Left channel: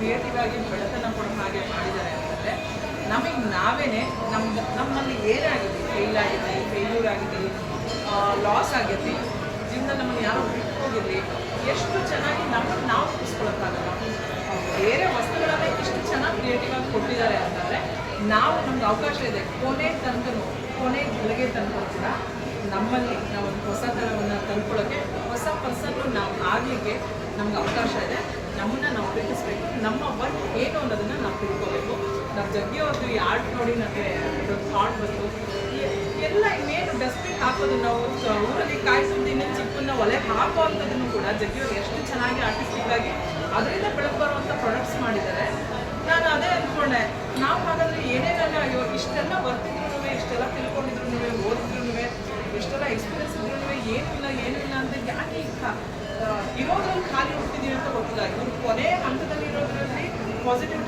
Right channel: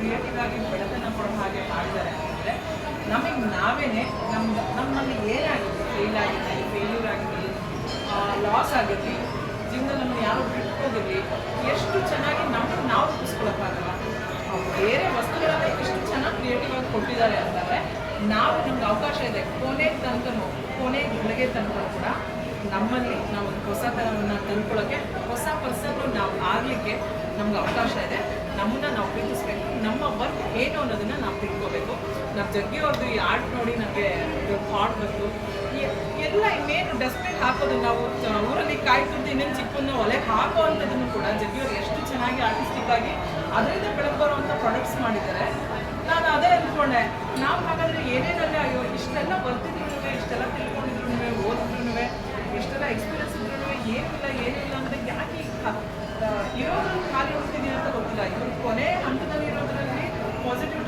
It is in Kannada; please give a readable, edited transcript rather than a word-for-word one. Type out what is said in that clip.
ಕ್ರಿಯೇಟಿವ್ ಆಗಿ ಬೆಳತನ ಕೊಡೋ ಹಾಗೆ ಮಾಡಿದ್ದಾರೆ ಅಂತಂದರೆ ನಮಗೆ ನಾವೇನೆ ನಮ್ಮಲ್ಲಿ ಏನಾಗಿದೆ, ಫೇಲ್ಯೂರ್ ಆಗಿರಲಿ, ಲಾಸ್ ಆಗಿರಲಿ, ಜೀವನ ನಮ್ಮನ್ನು ಯಾರೋ ಬಿಟ್ಟು ಹೋಗಿರಲಿ, ಎಷ್ಟು ಚೆನ್ನಾಗಿ ನಮ್ಮನ್ನು ನಾವು ರೂಪಿಸ್ಕೊಳಕ್ಕಾಗಲ್ಲ. ಬೇರೆ ವಸ್ತುಗಳನ್ನೇ ಇಷ್ಟು ಚೆನ್ನಾಗಿ ಕ್ರಿಯೇಟಿವ್ ಆಗಿ ಕೊಟ್ಟಿದ್ದಾರೆ ಅಂತಂದರೆ ನಾವು ನಮ್ಗೆ ಅವಕಾಶ ಇದೆ. ಕೊನೆ ಗಳಿಗೆ ತನಕ ಕೂಡ ನಮ್ಮಲ್ಲಿ ನಾವು ಒಂದು ಹೊಸತನವನ್ನು ತಂದ್ಕೊಳ್ಳೋಕ್ಕೆ, ಹೊಸ ಪರ್ಸನ್ಗಳು ನಾವು ಆಗಲಿಕ್ಕೆ ನಮ್ಗೆ ಅವಕಾಶ ಇದೆ. ನಮ್ಮನ್ನು ನಾವು ಪ್ರೀತಿಸ್ಬೇಕು, ನಮ್ಮ ವರ್ಕ್ ಏನು ಅನ್ನೋದನ್ನು ನಾವು ತಿಳ್ಕೋಬೇಕು. ನಾವು ಜಗ್ಗಿಯವ್ರದ್ದು ಈ ಆರ್ಟ್ ನೋಡಿ ನಮಗೆ ಥಾಟ್ ಬಂತು. ಎಲ್ಲ ಇನ್ನೇನು ಡಸ್ಟ್ಬಿನ್ ಹಾಕೋದು, ನಾವು ಊರಲ್ಲಿ ಕಾಯಿ ಸುದ್ದು ಇನ್ನೇನು ಚಿಪ್ಪನ್ನ ಒಲೆ ಹಾಕೋ ಅಂಥದ್ದನ್ನು ಕೂಡ ಜಗ್ಗಿಯವ್ರು ಎಷ್ಟು ಚೆನ್ನಾಗಿ ಆರ್ಟಿಸ್ಟಿಕ್ ಆಗಿ ಅದರಿಂದ ಬೆಳಬರುವಂಥ ಪ್ರಾಡಕ್ಟ್ಸ್ ಮಾಡಿದ್ದಾರೆ. ನಾನು ಅದೇ ಅಂದ್ಕೊಂಡೆ, ನಾವು ಹಾಗಾದರೆ ಏನೇನಲ್ಲ, ಅಯ್ಯೋ ಇಷ್ಟೆಲ್ಲ ಬರ್ತಿದ್ರು, ಇಷ್ಟೆಲ್ಲ ತಿಳ್ಕೊಂಡಿದ್ರು, ಓದಿದ್ರು, ಎಷ್ಟೆಲ್ಲ ಎಕ್ಸ್ಪೀರಿಯನ್ಸ್ ಇದ್ರೂ ಏನೂ ಇಲ್ಲ ಅಂದರೆ ಯಾಕೆ ಇರೋದ್ರಲ್ಲಿ ಖಾಲಿ ಹೋಗ್ತಿದ್ದೀವಿ ಅಂತ ಗೊತ್ತಿಲ್ಲ. ಇವರು ಕೊನೆ ಹಂತದಲ್ಲಿ ಇರೋದ್ರಲ್ಲಿ ಪಾಸಿಟಿವ್